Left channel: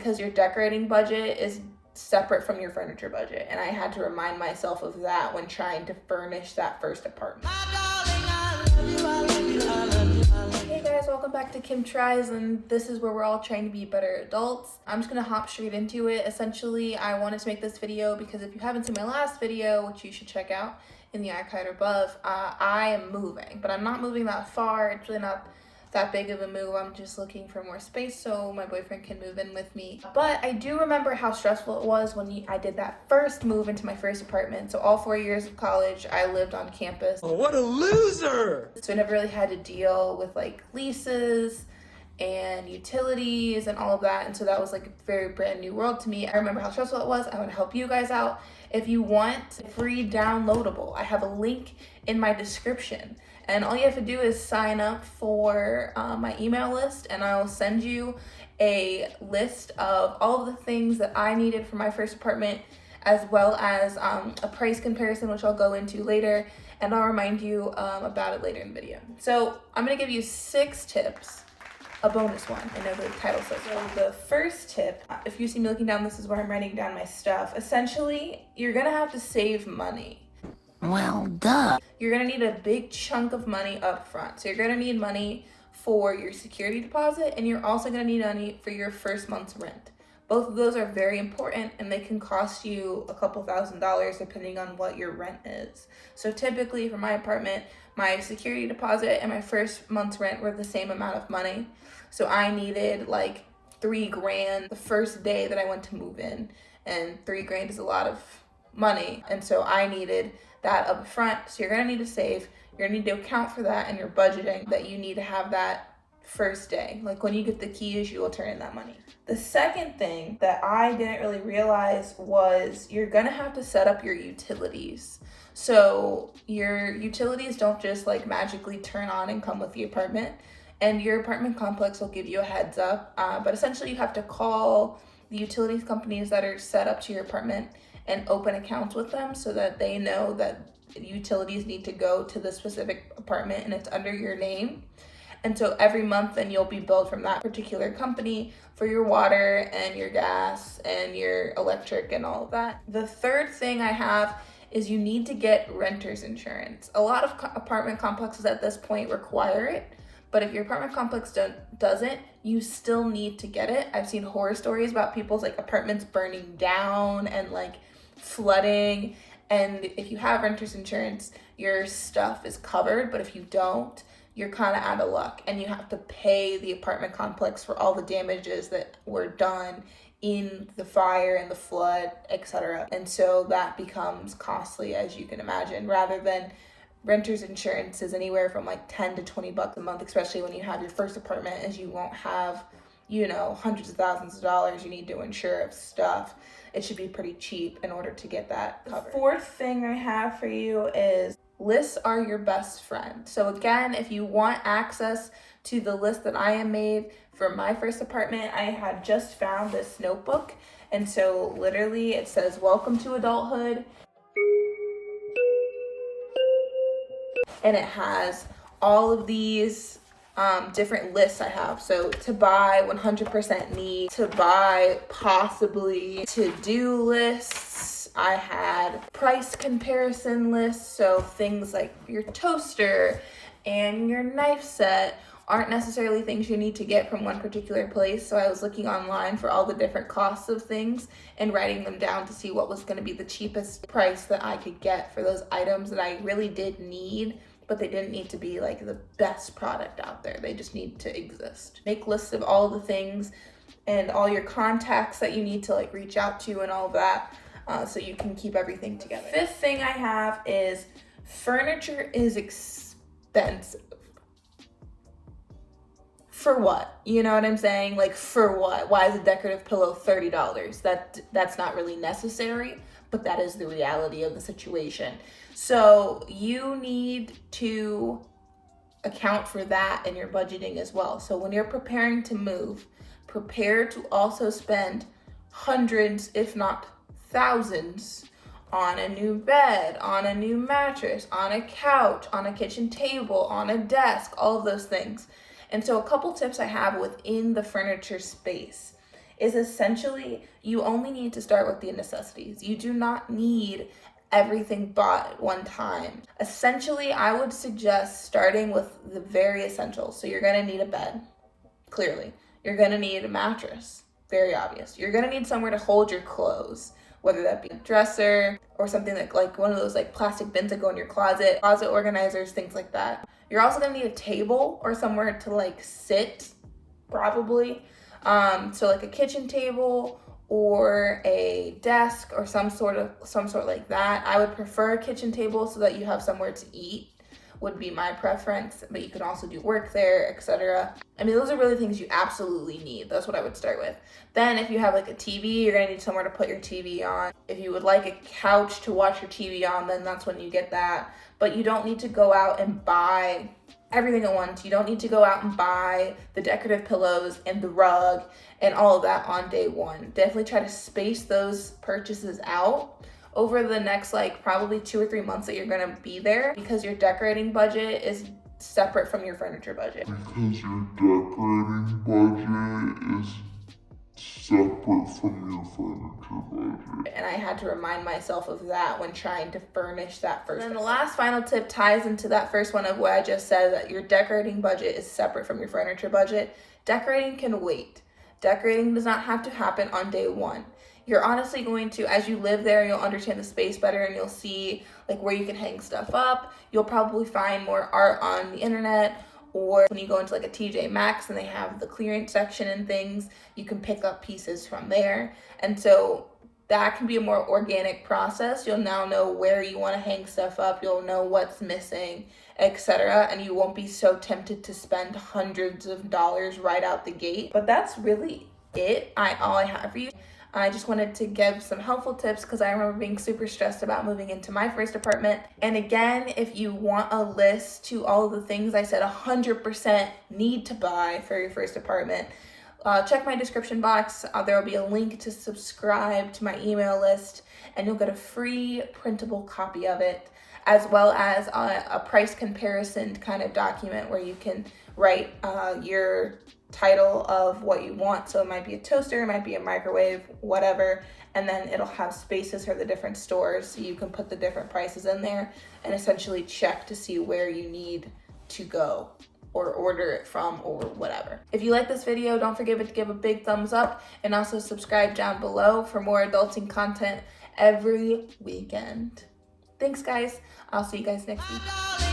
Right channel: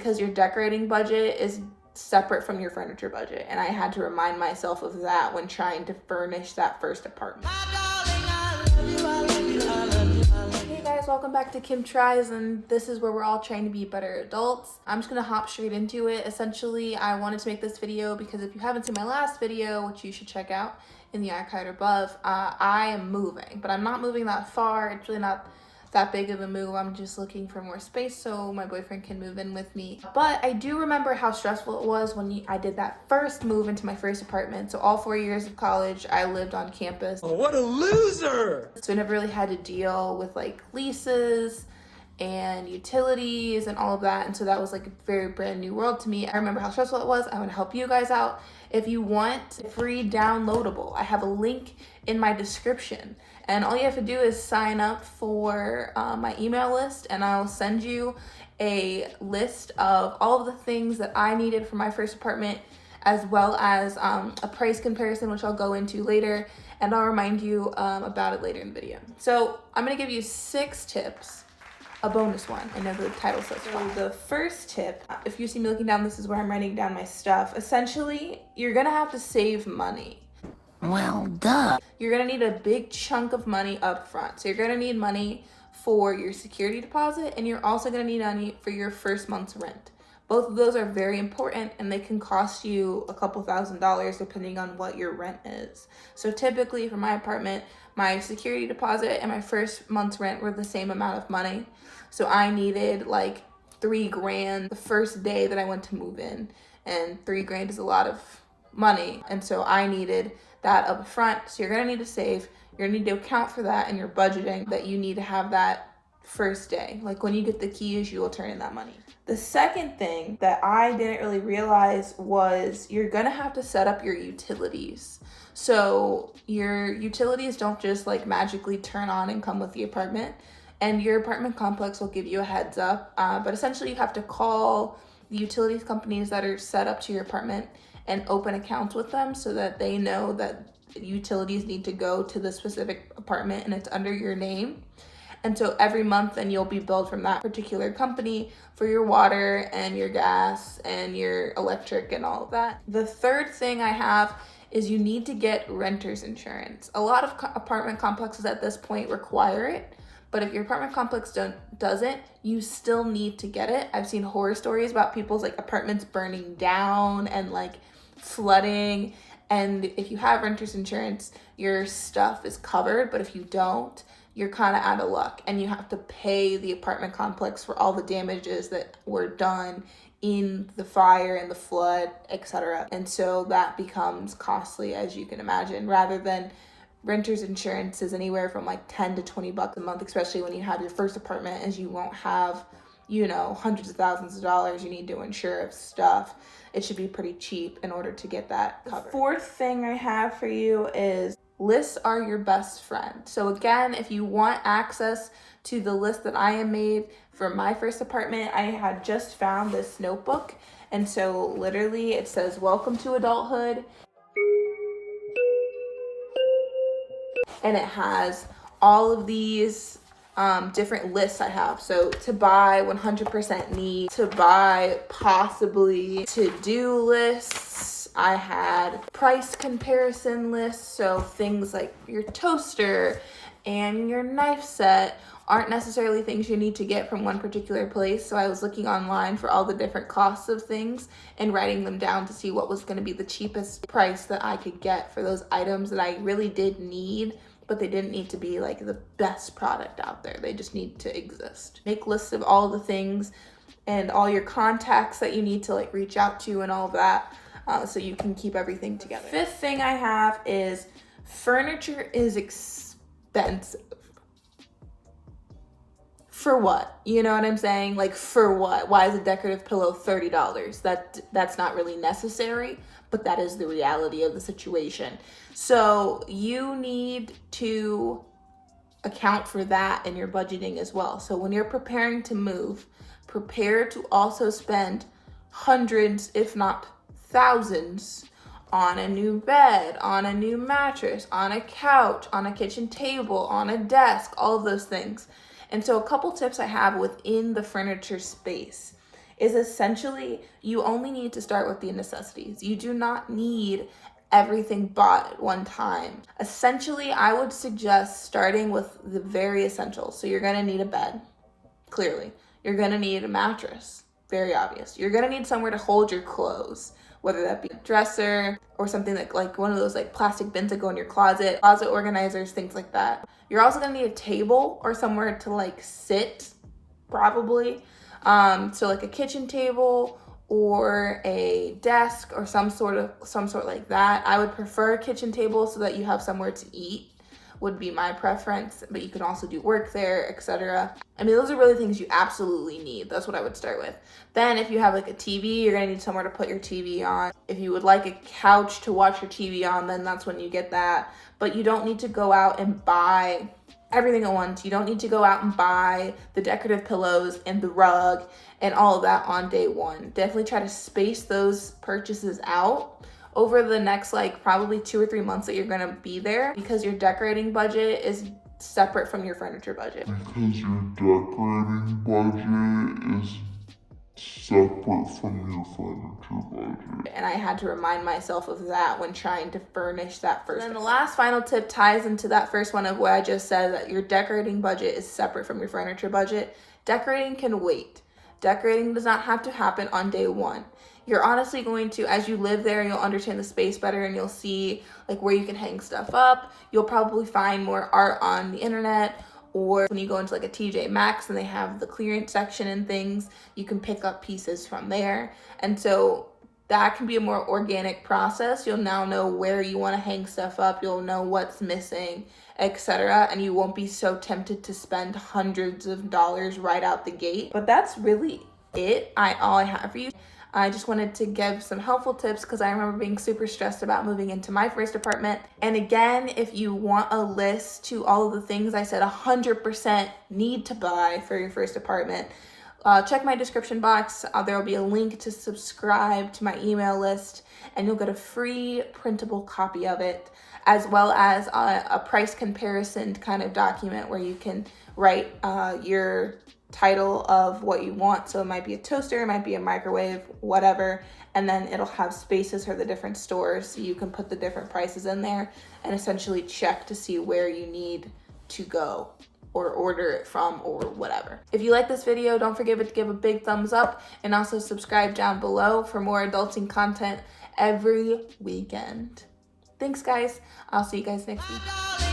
because your decorating budget is separate from your furniture budget. And I had to remind myself of that when trying to furnish that first apartment. Hey guys, welcome back to Kim Tries, and this is where we're all trying to be better adults. I'm just gonna hop straight into it. Essentially, I wanted to make this video because if you haven't seen my last video, which you should check out in the icon above, I am moving, but I'm not moving that far. It's really not that big of a move. I'm just looking for more space so my boyfriend can move in with me. But I do remember how stressful it was when I did that first move into my first apartment. So all 4 years of college, I lived on campus. Oh, what a loser! So I never really had to deal with like leases and utilities and all of that. And so that was like a very brand new world to me. I remember how stressful it was. I want to help you guys out. If you want free downloadable, I have a link in my description. And all you have to do is sign up for my email list, and I'll send you a list of all of the things that I needed for my first apartment, as well as a price comparison, which I'll go into later, and I'll remind you about it later in the video. So I'm gonna give you 6 tips, a bonus one. I know the title says so. The first tip, if you see me looking down, this is where I'm writing down my stuff. Essentially, you're gonna have to save money. Well, duh. You're gonna need a big chunk of money up front. So you're gonna need money for your security deposit, and you're also gonna need money for your first month's rent. Both of those are very important, and they can cost you a couple $1,000s depending on what your rent is. So typically for my apartment, my security deposit and my first month's rent were the same amount of money. So I needed like $3,000 the first day that I went to move in, and $3,000 is a lot of money. And so I needed that up front. So you're gonna need to save. You're gonna need to account for that in your budgeting, that you need to have that first day. Like when you get the keys, you will turn in that money. The second thing that I didn't really realize was you're gonna have to set up your utilities. So your utilities don't just like magically turn on and come with the apartment, and your apartment complex will give you a heads up. But essentially you have to call the utilities companies that are set up to your apartment and open accounts with them so that they know that utilities need to go to the specific apartment and it's under your name. And so every month then you'll be billed from that particular company for your water and your gas and your electric and all of that. The third thing I have is you need to get renter's insurance. A lot of apartment complexes at this point require it, but if your apartment complex doesn't, you still need to get it. I've seen horror stories about people's like apartments burning down and like flooding. And if you have renter's insurance, your stuff is covered, but if you don't, you're kind of out of luck, and you have to pay the apartment complex for all the damages that were done in the fire and the flood, etc. And so that becomes costly, as you can imagine. Rather than renter's insurance is anywhere from like $10 to $20 a month, especially when you have your first apartment, as you won't have, you know, hundreds of thousands of dollars you need to insure of stuff. It should be pretty cheap in order to get that covered. The fourth thing I have for you is lists are your best friend. So again, if you want access to the list that I am made for my first apartment, I had just found this notebook. And so literally it says, "Welcome to adulthood." And it has all of these different lists I have. So to buy, 100% need, to buy, possibly, to-do lists. I had price comparison lists. So things like your toaster and your knife set aren't necessarily things you need to get from one particular place. So I was looking online for all the different costs of things and writing them down to see what was going to be the cheapest price that I could get for those items that I really did need, but they didn't need to be like the best product out there. They just need to exist. Make lists of all the things and all your contacts that you need to like reach out to and all of that, so you can keep everything together. Fifth thing I have is furniture is expensive. For what? You know what I'm saying? Like, for what? Why is a decorative pillow $30? That's not really necessary, but that is the reality of the situation. So you need to account for that in your budgeting as well. So when you're preparing to move, prepare to also spend hundreds, if not thousands, on a new bed, on a new mattress, on a couch, on a kitchen table, on a desk, all of those things. And so a couple tips I have within the furniture space is essentially you only need to start with the necessities. You do not need everything bought at one time. Essentially, I would suggest starting with the very essentials. So you're gonna need a bed, clearly. You're gonna need a mattress, very obvious. You're gonna need somewhere to hold your clothes, whether that be a dresser or something like one of those like plastic bins that go in your closet organizers, things like that. You're also gonna need a table or somewhere to like sit, probably. So like a kitchen table or a desk or some sort like that. I would prefer a kitchen table so that you have somewhere to eat, would be my preference, but you can also do work there, etc. I mean, those are really things you absolutely need. That's what I would start with. Then if you have like a TV, you're gonna need somewhere to put your TV on. If you would like a couch to watch your TV on, then that's when you get that. But you don't need to go out and buy everything at once. You don't need to go out and buy the decorative pillows and the rug and all of that on day one. Definitely try to space those purchases out over the next like probably 2 or 3 months that you're gonna be there, because your decorating budget is separate from your furniture budget. Because your decorating budget is separate from your furniture budget. And I had to remind myself of that when trying to furnish that first. And then the last final tip ties into that first one of what I just said, that your decorating budget is separate from your furniture budget. Decorating can wait. Decorating does not have to happen on day one. You're honestly going to, as you live there, you'll understand the space better and you'll see like where you can hang stuff up. You'll probably find more art on the internet, or when you go into like a TJ Maxx and they have the clearance section and things, you can pick up pieces from there. And so that can be a more organic process. You'll now know where you want to hang stuff up. You'll know what's missing, etc. And you won't be so tempted to spend hundreds of dollars right out the gate. But that's really it. All I have for you. I just wanted to give some helpful tips because I remember being super stressed about moving into my first apartment. And again, if you want a list to all of the things I said 100% need to buy for your first apartment, check my description box. There will be a link to subscribe to my email list, and you'll get a free printable copy of it, as well as a price comparison kind of document where you can write your title of what you want. So it might be a toaster, it might be a microwave, whatever, and then it'll have spaces for the different stores so you can put the different prices in there and essentially check to see where you need to go or order it from or whatever. If you like this video, don't forget to give a big thumbs up and also subscribe down below for more adulting content every weekend. Thanks guys. I'll see you guys next week.